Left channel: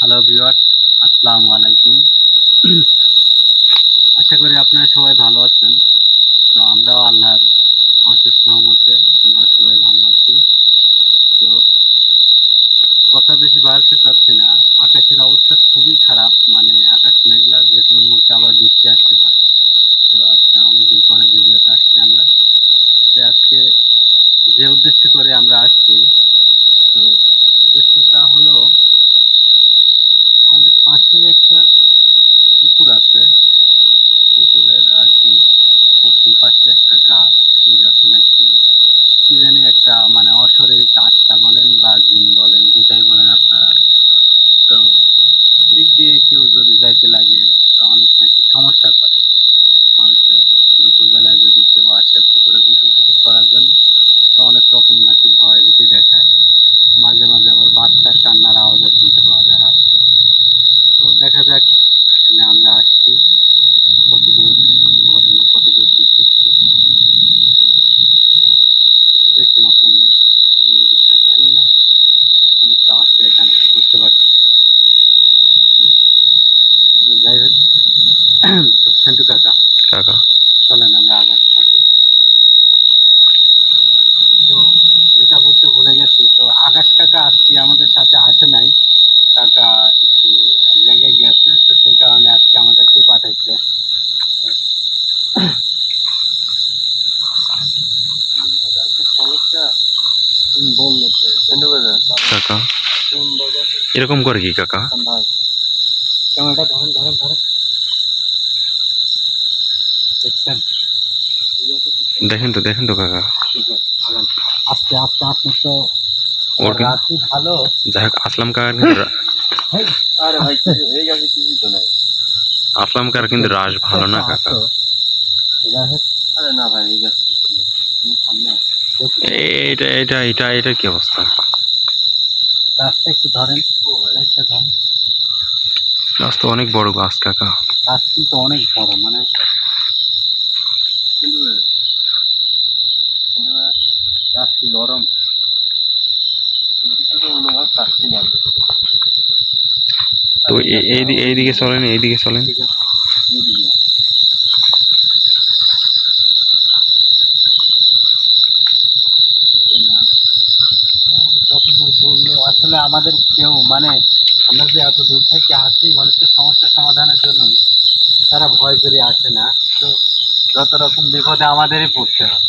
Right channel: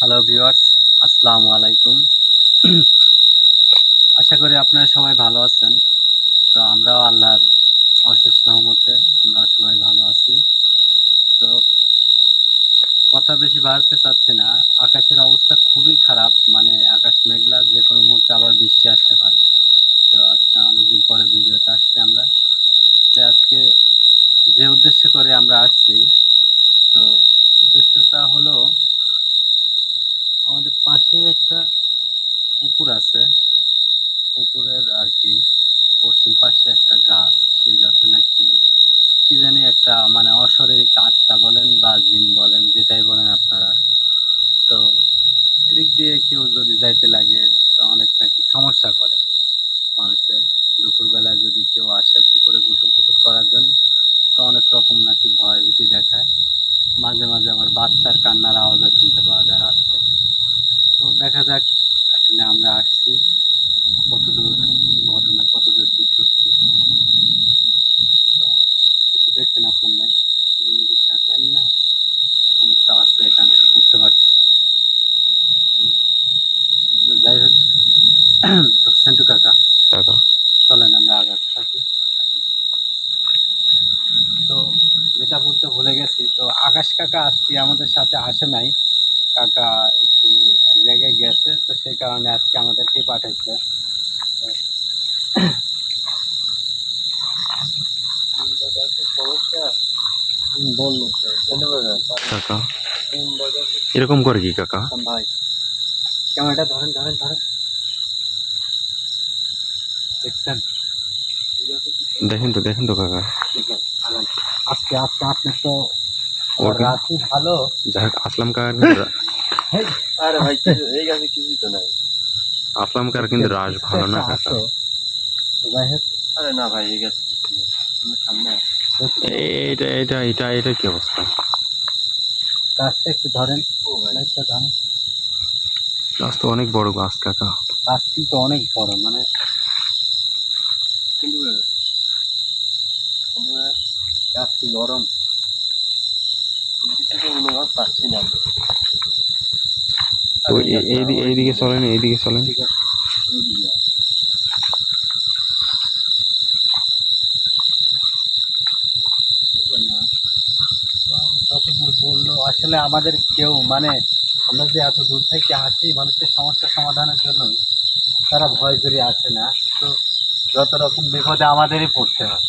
Hello viewers আসসালামু আলাইকুম আশা করি আপনারা সবাই ভালো আছেন। তো আমরাও আল্লাহর অশেষ সহমতে আমরা সবাই ভালো আছি। তো কথা বেশি বাড়তে চাচ্ছি না। আকাশের অবস্থা খুবই খারাপ। মানে আকাশ মেঘলা, যে কোনো মুহূর্তে আবার বৃষ্টি আসতে পারে। তো আজকে অনেকদিন পরে ভিডিওতে আসছি আমরা। তো আজকে যে উদ্দেশ্য করে আমরা আসছি, তো উদ্দেশ্যটা হলো আমাদের পাশেই একটা পুকুর আছে। পুকুরের আর কি। পশ্চিম পাশে একটা গাছ, সেই গাছে নাকি কি জানি একটা মানে অশরীরিক আত্মা বলেন বা জিন বলেন, যেটাই বলেন আপনারা। তো এদিক দিয়ে কেউ যদি যাইতে লাগে, তো অনেক নাকি সমস্যা করে মানুষের। দুপুরবেলায় যদি কেউ আসে পুকুরে গোসল টোসল করার জন্য, তো অনেক রকম নাকি ভয় ভীতি দেখায় মাঝে মাঝে আবার বাচ্চার কান্নার আওয়াজও শুনতে পাওয়া যায় রাত্রে তো দেখা যাক আসলে আমরা আসছি কতদূর ঘটনা কতদূর কি সত্যি তো কিছু দেখছেন আপনার নাই লিমিটেড থাকেন না সমস্যা আছে এখানে বুঝতে পারছি বুঝছেন? তো যাই হোক তো সেন্টু কাকা কাকা চলেন আমরা আগাতে থাকি তো যেটা বলতে ভুলে গেছি তো আকাশ কাকা আজকে আমাদের সাথে আসে নাই কাকা একটু এক জায়গায় গেছে তো সেই কারণে আজকে আমাদেরকে পাঠাইছে হুম, বলল তো কাকা? এরকম করে কি কাকা? ভাই ক্যামেরাটা ধরেন ধরেন ধরেন। দেখছেন? দেখেন তো দেখেন তো কাকা। আস্তে আস্তে আপনি তো ওর রাত্রি ভালো। যাই হোক আসলাম কাকার কিন্তু আরে ভাই এই গাছে কিছুই তো নাই। আসলাম কাকার কিন্তু রাস ভালো না কাকা? যাই হোক। আরে না ভাই এই গাছে কিছু নেই সামনে আছি। দেখি, এ- এটা এটা এটা এটা কি অবস্থা? গাছটা একটু ধরেন লাইটটা ধরেন। গাছ তো অনেক বড় গাছ কাকা। গাছ কিন্তু অনেক বড় মানে কিন্তু গাছ কি গরম? তো এইদিকে চলেন এইদিকে চলেন। ঠিক আছে এই দিকে আয়। না, তো যতদূর বলল আসলে আমাদের কেউ মানে আমরা যে এত দূর থেকে আসি মানুষের সমস্যা সমাধানের জন্য তারা ভয় করে আসে না। তো যত রকম বিপদে আমাদেরই পড়তে হয়।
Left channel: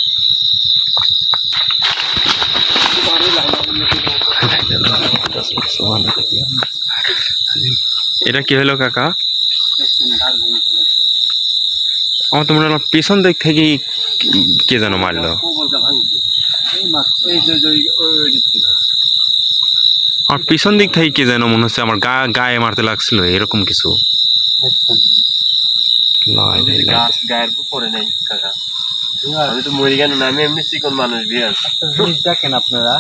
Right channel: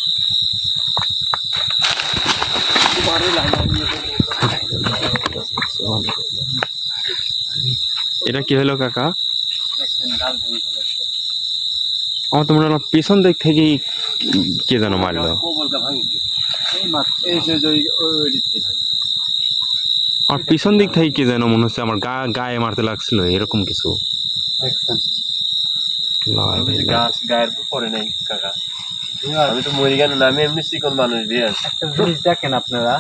এটা কি হলো কাকা? আমার তো মনে হলো পেছন দিক থেকেই কে যেন মারলো। এই মাত্র এই যে যে ওই- ওই ওই দিক থেকে ভাঙছে। আমার পিছন দিক থেকে কে যেন মনে হচ্ছে আমার গা গায়ে মারতে লাগছিল এরকম কিছু। গায়ের উপর পড়ে নাই কাকা। আমি তো মরে গেল না আমি এমনি চিকন মানুষ বিয়ার একটা জিনিস দেখেন আপনারা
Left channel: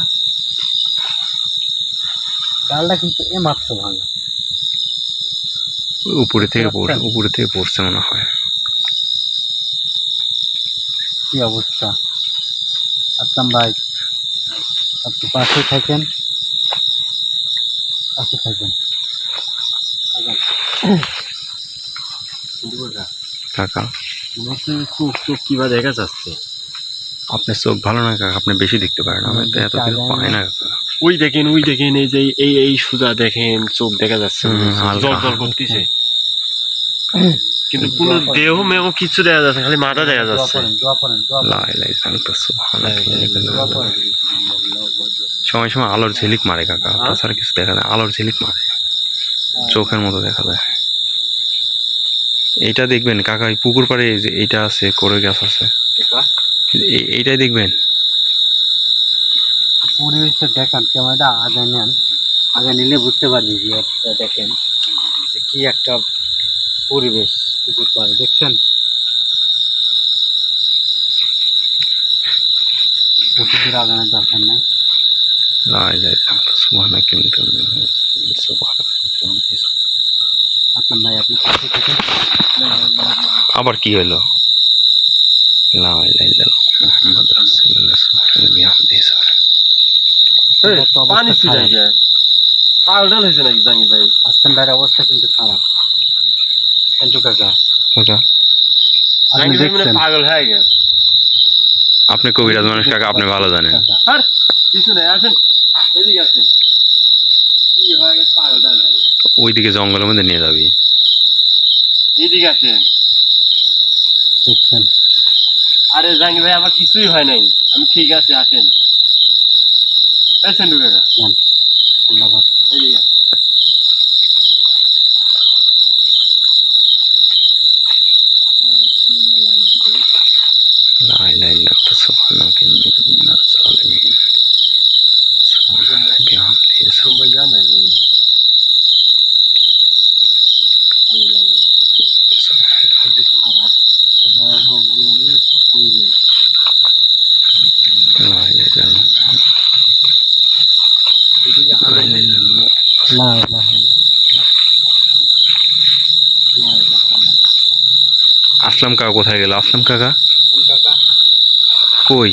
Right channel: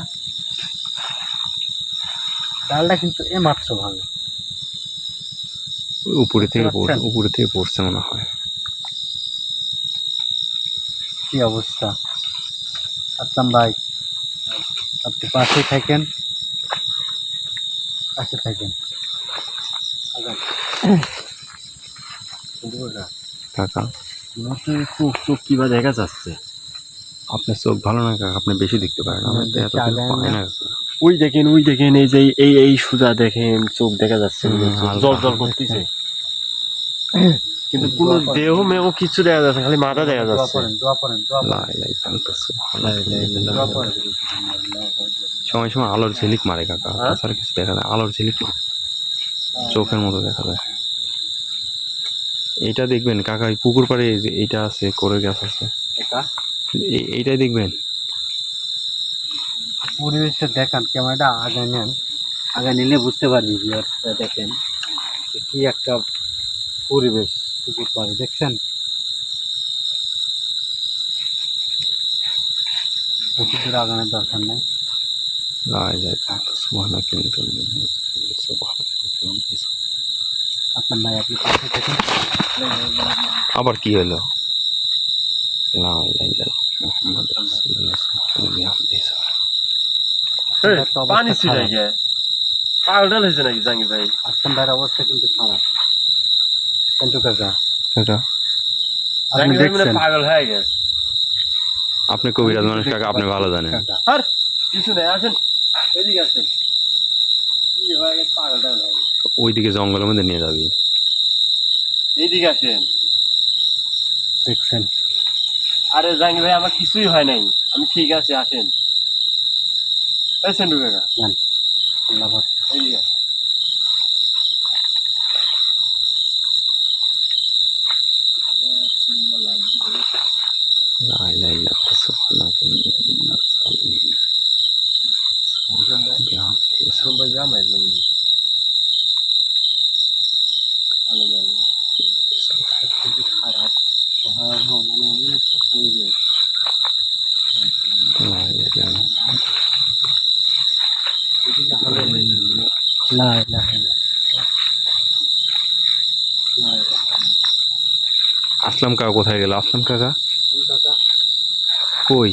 ডালটা কিন্তু এ মাত্র ভাঙা। ওই উপরে থেকে উপরে থেকে পড়ছে মনে হয়। কি অবস্থা? আসলাম ভাই আপনি পাশে থাকেন। পাশে কাকা। চোখ চোখ দেখা যাচ্ছে? আপনার চোখ ভালো না কাকা? আপনি বেশি দেখতে পারেন। আমি তো এত কিছু পাই না কাকা। ওই দেখেন ওই দেখেন এই যে এই এই সুদা দেখেন চোখ দেখা যাচ্ছে জল জল করতেছে। কিন্তু কোনো দেহ মেহ কিছু দেখা যাচ্ছে খালি মাথা দেখা যাচ্ছে। সময় সময় আলোর ঝিলিক মারে কাকা। তাছাড়া কিছু দেখা যায় আলোর ঝিলিক মারে। চোখের মতো দেখা যায়। এইটা দেখবেন কাকা পুকুর পাড়ে এই যে এইটা আছে করে গাছ আছে। এই- এইটাই দেখবেন। পরিবেশটা দেখান ক্যামেরাটা আগে নেন। আগে নিলে বুঝতে পারবি যে একটা দেখেন যে কি একটা পরিবেশ। পুকুর পাড়ে দেখছেন? দূর আগানোর দরকার নেই। আবার কি হলো? পানি ছিটাই গিয়ে পাগল হয়েছে নাকি জাঙ্গি ভাই? আসলাম ভাইয়ের অবস্থা কিন্তু খারাপ। সেন্টু কাকা। কাকা আপনি জাঙ্গি ভাই দেখছেন? পাগল হয়ে গেছে। আপনি কবিরাজ মানুষ কাকা আপনি ভালো জানেন। আর কিছু নেই আসেন। এদিকে আসেন। ওইদিকে জঙ্গলের মধ্যে নিয়ে যাবি। আসেন। দেখছেন। আরে জাঙ্গি ভাই আমার কিছুই হয় নাই। আমি ঠিক আছে আসেন। এই সেন্টু কাকা। যান। আল্লাহ। لا إله إلا الله এদিকে لا إله إلا الله লা ইলাহা ইল্লাল্লাহ। লা ইলাহা ইল্লাল্লাহ। আসলাম কাকা কোথায় গেল আসলাম কাকা কোন কাকা কই?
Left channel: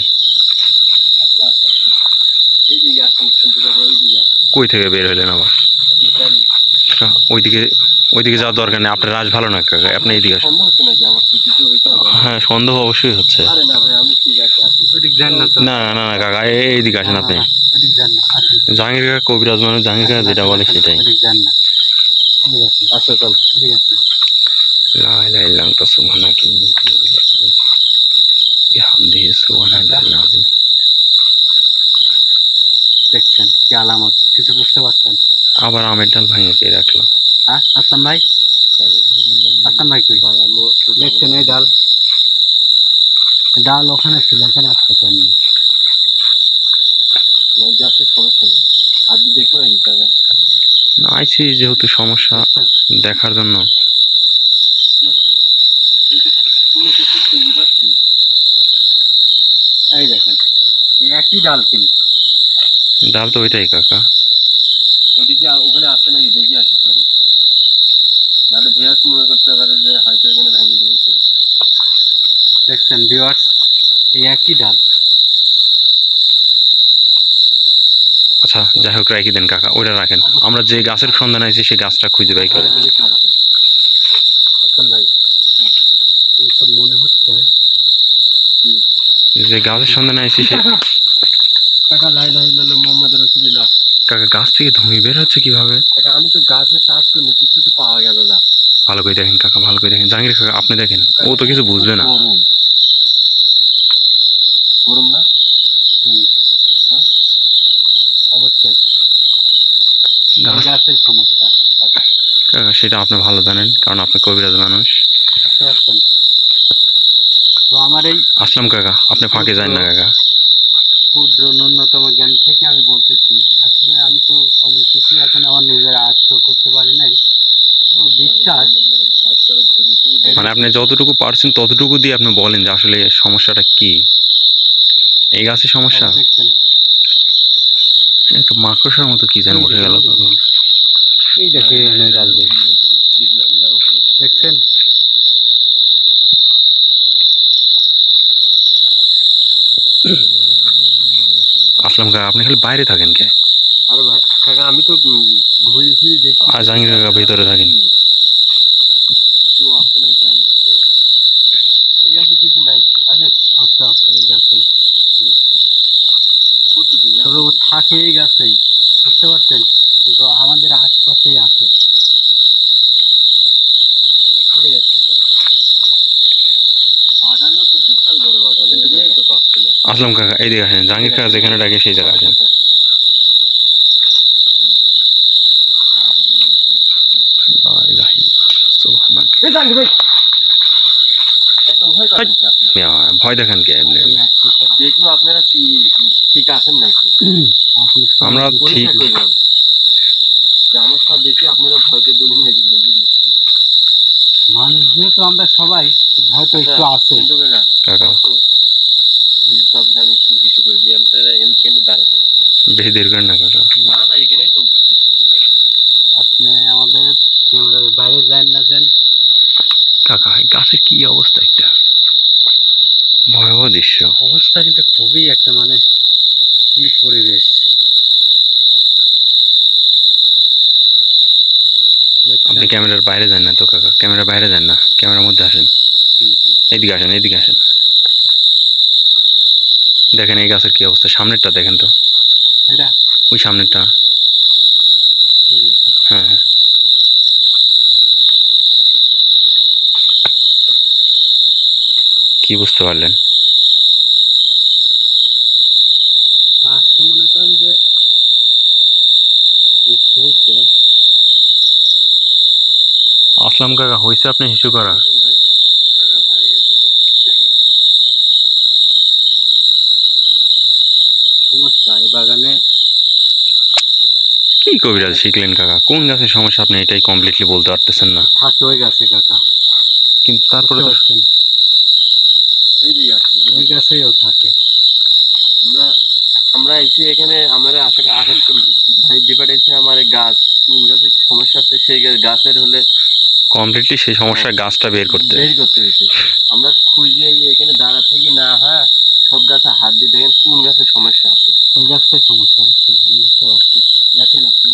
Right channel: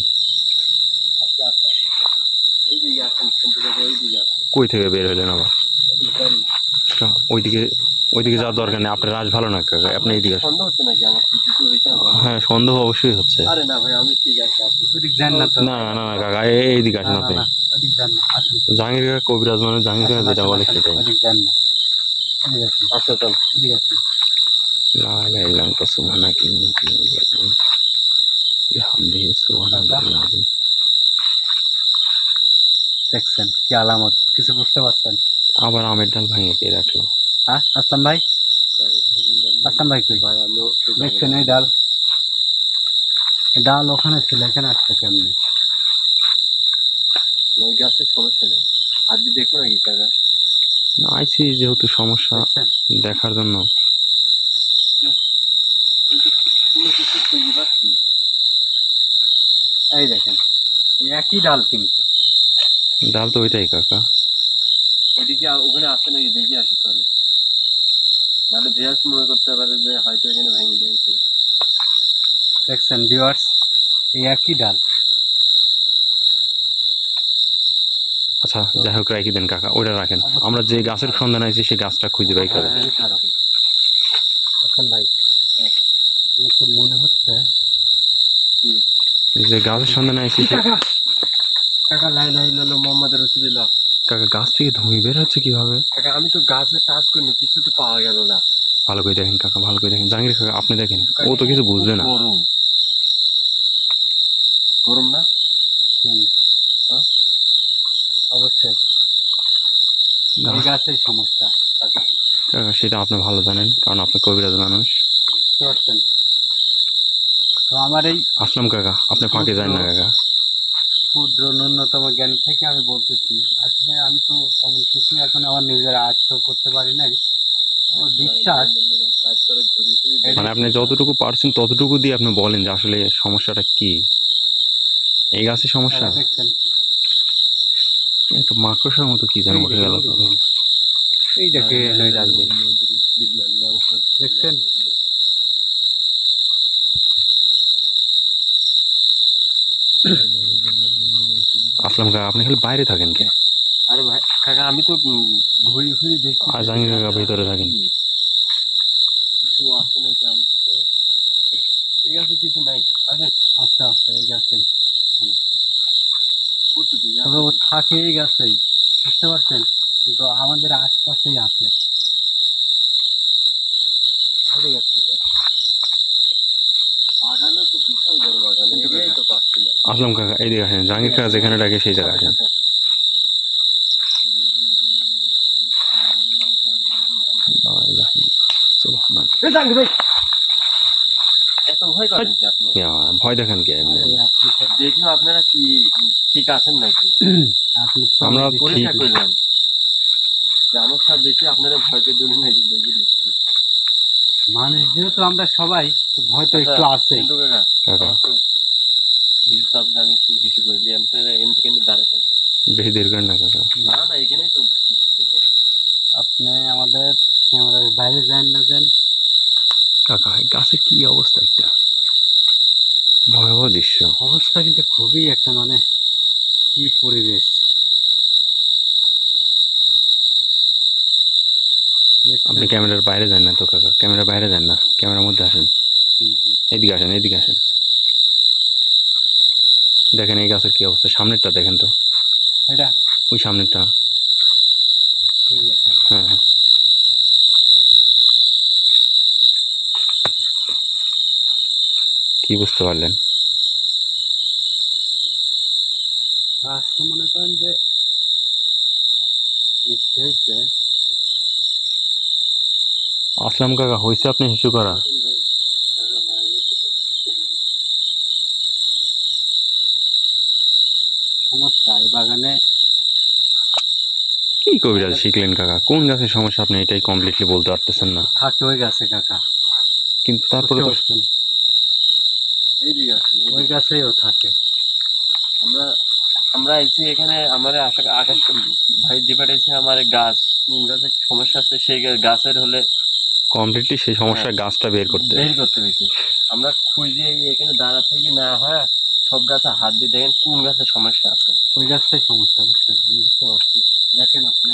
কই থেকে বের হলেন আবার? আচ্ছা, ওইদিকে ওইদিকে যাওয়ার দরকার নেই আপনার রাজ ভালো না কাকা? আপনি এইদিকে হ্যাঁ সন্দেহ অবশ্যই হচ্ছে। না না না কাকা এইদিকে আসেন আপনি। জাহাঙ্গীর কবিরাজ মানে জাহাঙ্গীর কাকা যেটা বলে সেটাই। আসে চল লাই লাই লাম তো সুমানা কি বিহামদিহি সুবহানাল্লাহিল আযীম দেখছেন কি আলামত? কিছু বুঝতে পারছেন? আবার আমের ডাল ভাঙিয়ে দিয়ে রাখল। হ্যাঁ আসলাম ভাই। আসলাম ভাই তুই দেখছেন এই ডাল? ডাল ওখানে ছিল এখানে আসছে কেমনি? আপনি না আইসি যেহেতু সমস্যা দেখার জন্য। কিছু খুঁজে পাচ্ছি এই দেখেন এই একই ডাল কিন্তু। ডাল তো ওইটাই কাকা। ওইদিকে ওখানে আসে নাকি দেখি আসি চলে নাহলে ভেয়াস মনে করতে পারে যে হয়তো এখানে ভেঙে দিয়েছে। দেখছেন ভিউয়ার্স এই একই ডাল। আচ্ছা যাই হোক রাখি দেন কাকা ওইটা রাখেন। আমরা যে গাছের সন্ধান আইছি সেই গাছটা খুঁজে বাই করে খারাপ আসলাম ভাই মনে হচ্ছে যে গাছের সন্ধান আইছি সে কাকা লাই লাই লাল মোহাম্মদ রসুলিল্লাহ কাকা গাছ থেকে ধুমি বের হচ্ছে কীভাবে? কাকা আমি তো গাছে টাচ করিনি কিছু তো পাওয়া গেল না। ভালো করে দেখেন কাকা ভালো করে দেখেন। জাহাঙ্গীর কাকা আপনি দেখেন। ও তো কিছু বুঝবে না। গরম। গরম না? হুম। হ্যাঁ? অবশ্যই। গাছের সমস্যা কাকা, সেটা আপনি ভালো জানেন কারণ আপনি কবিরাজ মানুষ। বুঝতে পারছেন তো আমার এই আসলাম কাকা আপনি ফাঁকে যান না কাকা। ক্ষুদ্র ন্যূনতম জ্ঞান থেকে আমি বলতেছি আসলে আমি তো তেমন কিছুই এখন আমার নিজের আয়ত্ত করতে পারি নাই। আমার বিশ্বাস মানে আপনি যতটুকু পারছেন ততটুকু দিয়ে আপনি বলেন যে আসলে সমস্যাটা কি। এই গাছের সমস্যা? দেখছেন। একটু মাকড়সার মতো কি যেন উঠে গেল তো। এই দেখেন। দেখছেন? আসলাম কাকা আপনি খালি বাইরে থাকেন কে? আরে ভাই কাকা আমি তো ঘুরে ঘুরে দেখি আর জাহাঙ্গীর কাকা ভিতরে থাকেন। কিছু নাকি? আমার তো কিছু নাই। আচ্ছা আচ্ছা এই গাছেই। তবে ও থাকে এই গাছেই বুঝতে পারছেন? কিন্তু আমাদের আশপাশেই আছে ঠিক আছে বাগানও তো বিশাল বড় বাগান এটাই তো পাচ্ছিলাম আসলাম কাকা এই দিকে আসেন জাহাঙ্গীর কাকা যেখানে ডাকে সেই জায়গায় আসেন। ভয় দেখান কে এমনি। দেখল আপনারা কি ঠিক আছেন নাকি? আমরা ঠিক। পরীক্ষা করলাম যে আমার সব দেখে আপনারা ভয়তে দূরে নাকি দেখি মানুষ যেহেতু আমরা সবাই ভয় তো একটু আছে কাকা হিসাব আমি একটু হিসু করে দিই আপনারা এখানে দাঁড়া থাকে। বেশি দেরি না কাকা না না এখানেই তো আপনি আমাদের ক্যামেরার বাইরে যান না যান। কাকা গাছের কি অবস্থা একটা? ভয়াবহ দৃশ্য। অবস্থা কিন্তু খুবই একটা মানে কি পরিবেশ। আপনি ক্যামেরার বাইরে যান না তো কাকা? ক্যামেরার বাইরে যান না? ক্যামেরার মধ্যে আসেন। এদিকে আসেন এদিকে আসেন। দেখেন এই গাছের কি অবস্থা। সামনেরটা দেখেন তো। এটা? ওই সামনেরটা। হ্যাঁ হ্যাঁ। কি বুঝতে পারলেন? মনে করেন যে আসলাম কাকা হয়েছে আপনি হিসু করা। বাগানে। কি কবিরাজ শিখলেন কাকা? কোন গাছের সমস্যা? আপনি এটাই কমপ্লিটলি বলতে পারতেছেন না। থাকে ওই গাছে কাকা। কিন্তু তারপরে তো ওই গাছেও থাকে। আমরা আমরা আইছি এখানে আমার আশা আকাশ ভাই যে পাঠাইছে আমার গাছ কোন গাছের সমস্যা আছে সেই গাছের হলে কমপ্লিটলি সেই সমস্যার গাছটা বের করতে। বের করতে হয়েছে। আমরা খুঁজে এখানে দাঁড়া থেকে না হয় সব গাছে হাত দিয়ে দেখেন কোন গাছের সমস্যা আছে। ওই গাছটাই সমস্যা বুঝছেন? আমি বুঝতে পারছি দেখেন আপনি।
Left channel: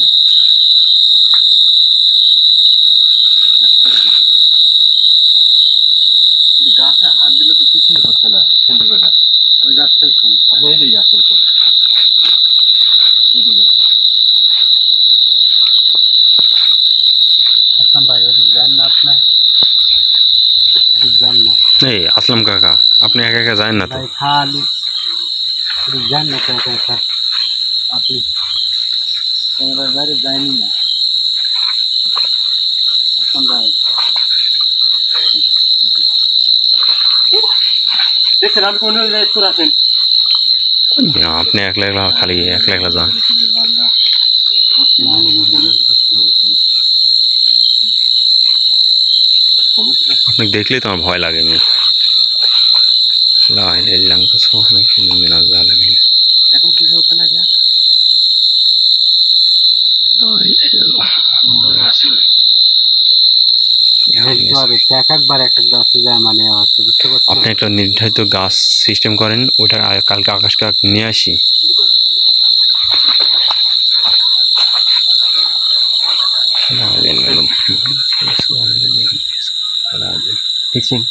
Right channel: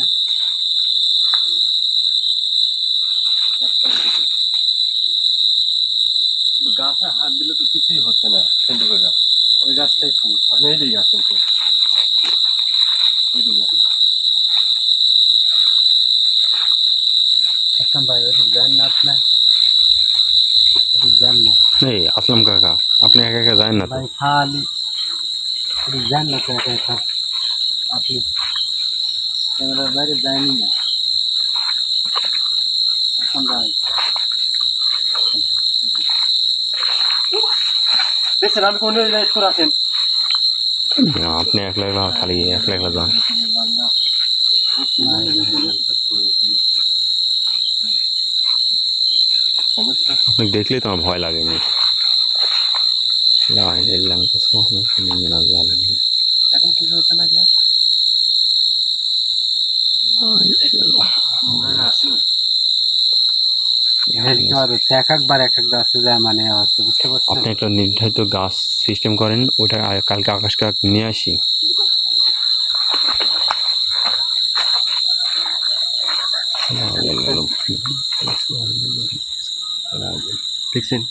কিন্তু গাছে হাত দিলে তো কিছুই হচ্ছে না কিন্তু করে। ওই গাছটাই সমস্যা। আপনি এইদিকে আসেন তো। এইদিকে আসেন। আসলাম ভাই ওটি যান না আপনার যান না। এই আসলাম কাকা। আপনি একা একা যায় না তো ভাই খালি ওটি যান না তো একা একা আপনি ক্যামেরার বাইরে যায়নি না আসলাম ভাই দেখছেন আমি কোন করে আসেন আপনি একলা একলা খালি একলা একলা যান সমস্যা আপনি দেখলেই তো আমার ভয় লাগে আমি লা ইলাহা ইল্লা আনতা সুবহানাকা ইন্নী মিনাজ জালিমিন এখন কিছু হচ্ছে না মানে হচ্ছে বুঝতে পারছেন? আপনি একটা নির্ধারিত গাছ সিস্টেম করেন ওটা কালকে আকাশ কাক নিয়ে আসি। রাসূলুল্লাহ। দেখছেন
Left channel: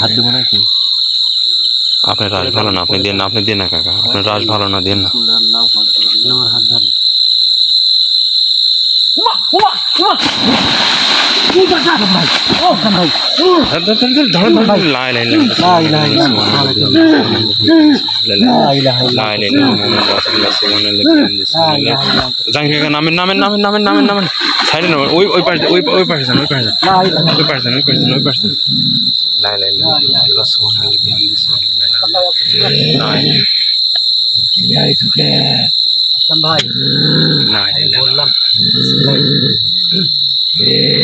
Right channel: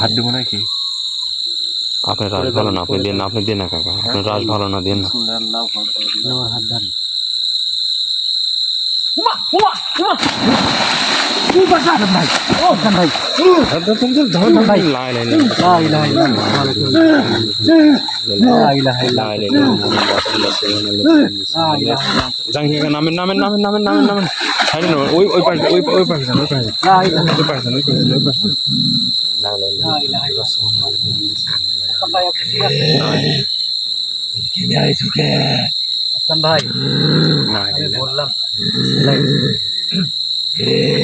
হাত দেবো নাকি? আপনার রাস ভালো না আপনি দেন না আপনি দেন না কাকা। আপনার রাস ভালো না দেন না। আমার হাত ধরেন। নামেন নামেন নামেন নামেন নামেন নামেন সাইডে নামেন ওই ওই পাশে ওই পাশে পাশে পাশে পাশে ভাই বললাম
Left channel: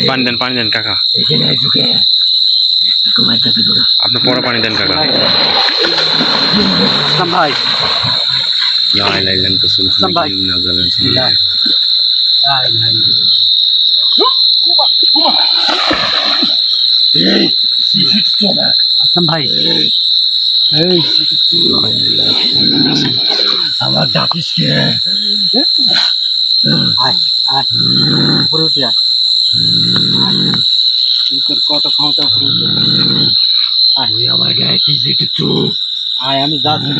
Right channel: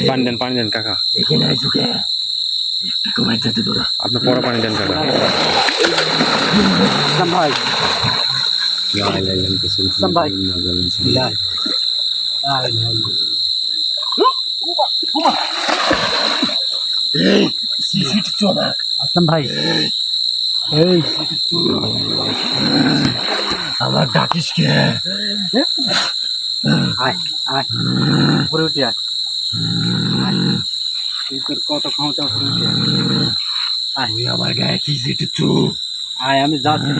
পানি দেন পানি দেন কাকা। আপনার পরে পানি দেন কাকা। ভাই। লা ইলাহা ইল্লাল্লাহ সুবহানাল্লাহ মিনাজ জালিমিন সুবহানাল্লাহ। নাই নাই আসলাম ভাই। আমার ডাকিস কে? আয় আয়। উপরে উঠে আয়। তোর কত ক্ষমতা আয় তুই আমার গায়ে কি জিতেছু আয় আমি যাচ্ছি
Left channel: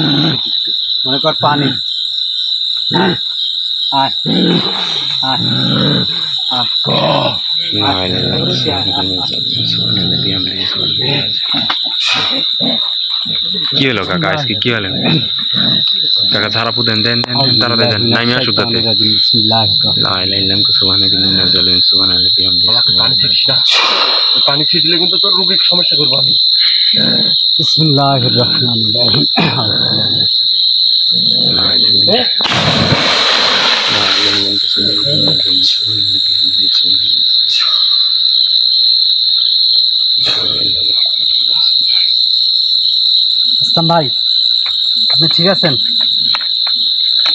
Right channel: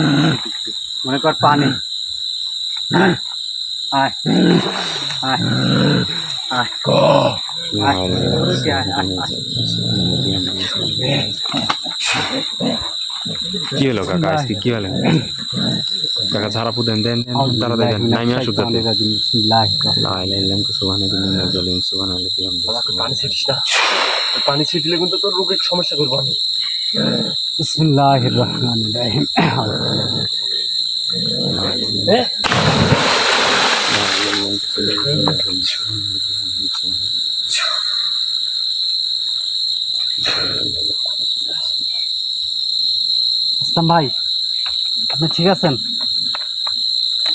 মনে কর পানি আয় আয় আয় আয় লা ইলাহা কি হলো কাকা? আজকে কি হলো? কাকা ঝাড়াপু দেন দেন দেন দেন তাড়াতাড়ি দেন। নাইমে আসুক যাতে লা ইলাহা ইল্লাল্লাহ সুবহানাকা ইন্নী জালিমিন সুবহানাল্লাহ বিহামদিহি পানি ছিটলে কিন্তু তোর রোগীর সমস্যা করব আমি। বিসমিল্লাহির রহমানির রহিম। সুবহানাল্লাহ বিহামদিহি সুবহানাল্লাহ। আসলাম ভাই আপনি ঠিক আছেন?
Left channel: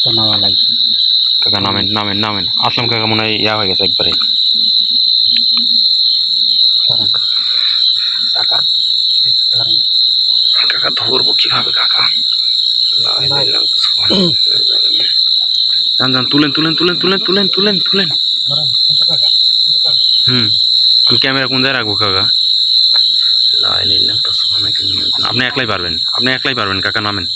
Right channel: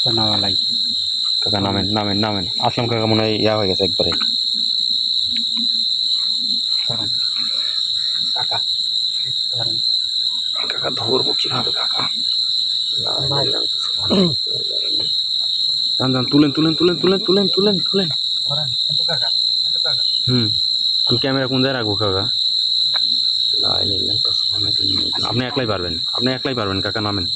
ধন্যবাদ কাকা নামেন নামেন নামেন। আসলাম কাকা মনে হয় ইয়া হয়ে গেছে একবারে। ধরেন। কাকা ধরবো কীভাবে কাকা? যান যান তুলেন তুলেন তুলেন তুলেন তুলেন তুলেন। তুলেন কাকা কাকা। হুম। ক্যামেরা কোন জায়গায় রাখব কাকা লা ইলাহা ইল্লাল্লাহ সুবহানাকা ইন্নী কুনতু- আপনি একলাই পারবেন? আপনি একলাই পারবেন কাকা নামেন।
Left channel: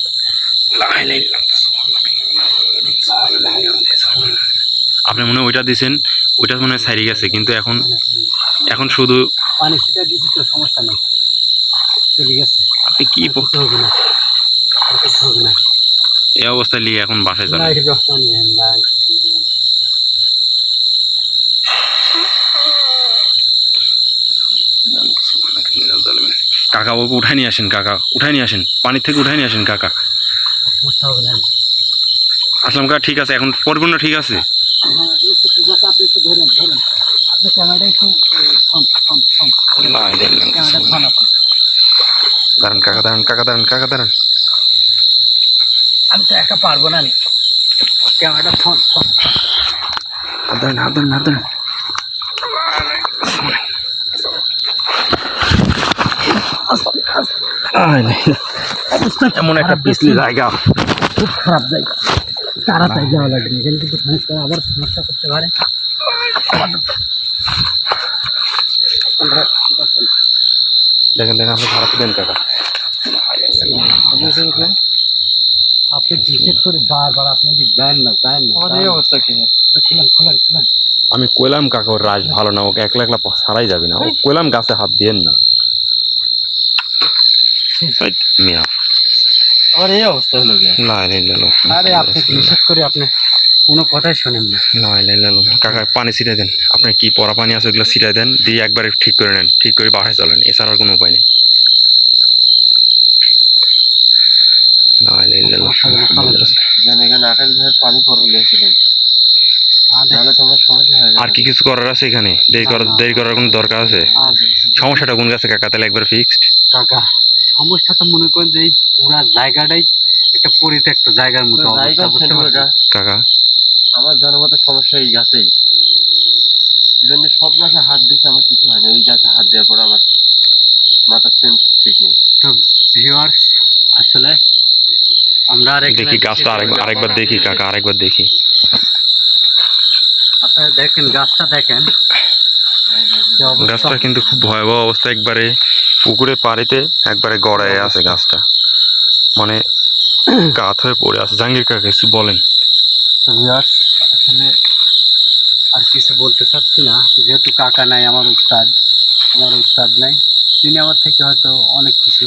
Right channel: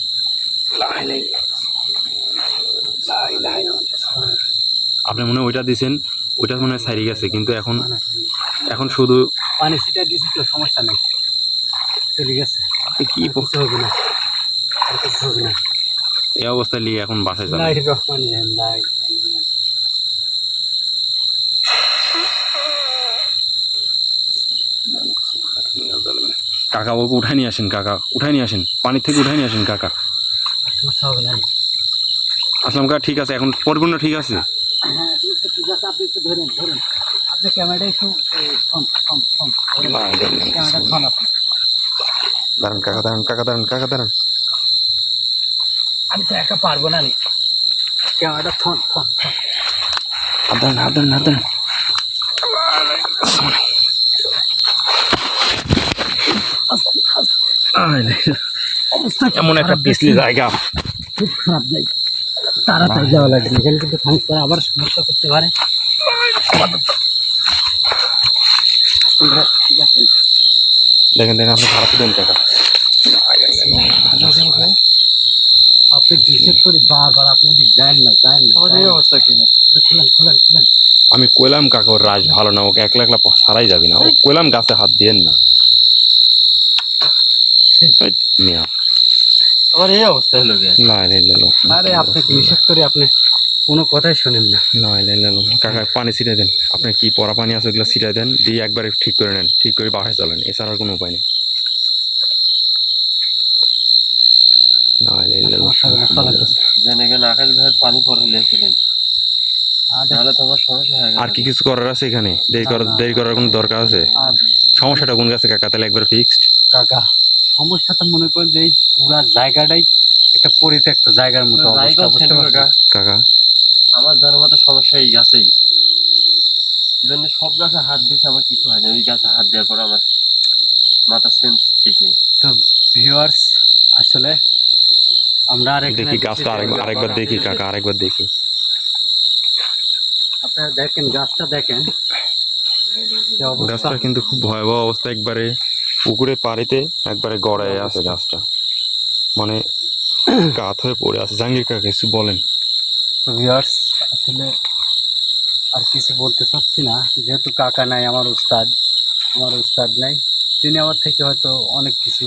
আপনি মনে হয় ওইটা দিছেন ওইটা মনে হয় সাইরে গেছে কিন্তু এখন এখন শুধু পানি ছিটা দিয়েছি তো সমস্যা নেই। চলে গেছে। আপনি কি হবে না। হবে না। এই অবস্থায় নিয়ে এখন বাসায় যাবেন। কাকা ওকে উঠাই নিয়ে আসেন কাকা। উঠাই নিয়ে আসেন পানির থেকে উঠাই নিয়ে আসেন কাকা। সমস্যা হবে না আসলাম কাকা ঠিক আছে এখন পরিপূর্ণ ঠিক আছে? দাঁড়ান কাকা দাঁড়ান কাকা দাঁড়ান কাকা দাঁড়ান। আমি তো একা পারব না নি। ক্যামেরাটা ফোন ফোন হাত ধরেন হাত ধরেন হাত ধরেন এমন একটা পিছলি জায়গা। খুব খারাপ জায়গা। তাড়াতাড়ি যাওয়া লাগবে এখানে কিন্তু সমস্যা আবার সমস্যা করতে পারে। আপনারা ঠিক আছে দেখেন দেখেন আপনি খারাপ দেন কাকা। আপনি ডিসেট করে বারবার আপনি ওদিক দেন না দেন না আমাদের এই অবস্থা কি? আপনি খুলেন খুলেন খুলেন। আমি কইলাম কাকা ওর রাজ ভালো না ওকে একলা একলা সারাই যাবি না। ও কইলাম গাছে হাত দিয়েন না। এই মিয়া। আমার এই অবস্থা হলো না আরে আপনি ডিসেট করে আপনি কোনো কথাই শোনেন না। না কাকা পানি ছিটাই দেন। আপনি কি পরা পানি আছে ওগুলো ছিটাই দেন দিয়ে একবারে ঠিক করে নেন। ঠিক করে বাসায় চলেন। এছাড়া আর কোনো উপায় নেই। না পানি পরে সমস্যা হয়ে আর কি কিছু করার আছে এখানে? দেরি করার দেরি করার কোনো দরকার আছে? সমস্যাটা কোন গাছে কাকা? তাহলে একবার ফিক্সড কাকা সমস্যা তো মনে করেন যে এই পুরা জায়গাটাই একটা পরিত্যক্ত জায়গার মতো অবস্থা বুঝতে পারছেন? কাকা? আমার জানার মতো সমস্যা এই গাছেই এই জন্য সব গাছে হাত দিতে আমার কিছু হয় না ওই গাছে হাত দেওয়ার পর আমার মাথা সেন্স ঠিক নেই। তো ভিউয়ার্স আসলে আমরা আর এখানে দেখি গাছটা আরেকবার আরেকবার দেখি কাকা আরেকবার দেখি। আপনারা দেখেন গাছটা দেখেন। যে অবস্থা। গাছটা কিন্তু খুব ভয়াবহ অবস্থা একবারে। পুকুরে পাড়িতে একবারে গড়ায় আছে গাছটা। মানে গাত হয়ে পড়ে আছে। জাহাঙ্গীর কাকা, কিছু বলেন। আসলে আর কিছু বলতে চাচ্ছি না। যেহেতু কাকা নাই, আমার উস্তাদ আমার উস্তাদ নাই, তিনি আমার থেকে হয়তো অনেক কিছু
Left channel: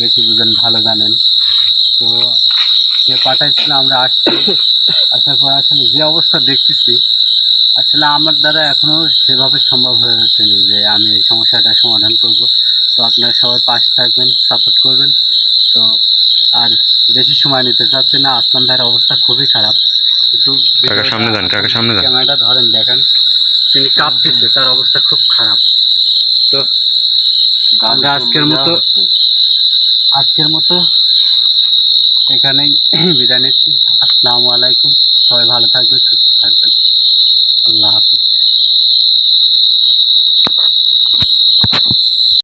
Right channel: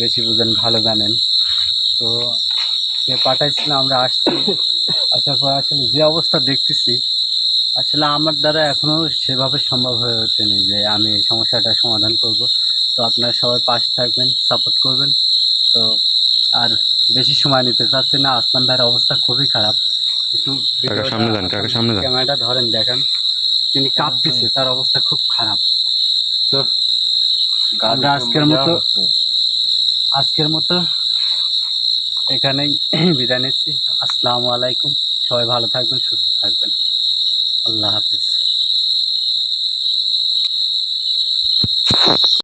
বেশি বুঝেন, ভালো জানেন। তো সে পাঠাইছিল, আমরা আসছি। আসার পর আসলে যে অবস্থা দেখতেছি, আসলে আমার দ্বারা এখনও সেভাবে সম্ভব হয়ে ওঠেনি যে আমি এই সমস্যাটার সমাধান করব। তো আপনারা সবাই পাশে থাকবেন সাপোর্ট করবেন। তো আর বেশি সময় নিতে চাচ্ছি না আসলাম ভাইয়ের অবস্থা খুবই খারাপ। একটু কাকা সামনে যান, কাকা সামনে যান। ক্যামেরাটা ধরেন দেখেন। তিনি কাঁপতেছে তার অবস্থা খুব খারাপ। তো আমরা আজকের মতো- আজকের মতো এখানেই বিদায় নিচ্ছি। আসসালামু আলাইকুম। সবাই ভালো থাকবেন সুস্থ থাকবেন। আল্লাহ হাফিজ।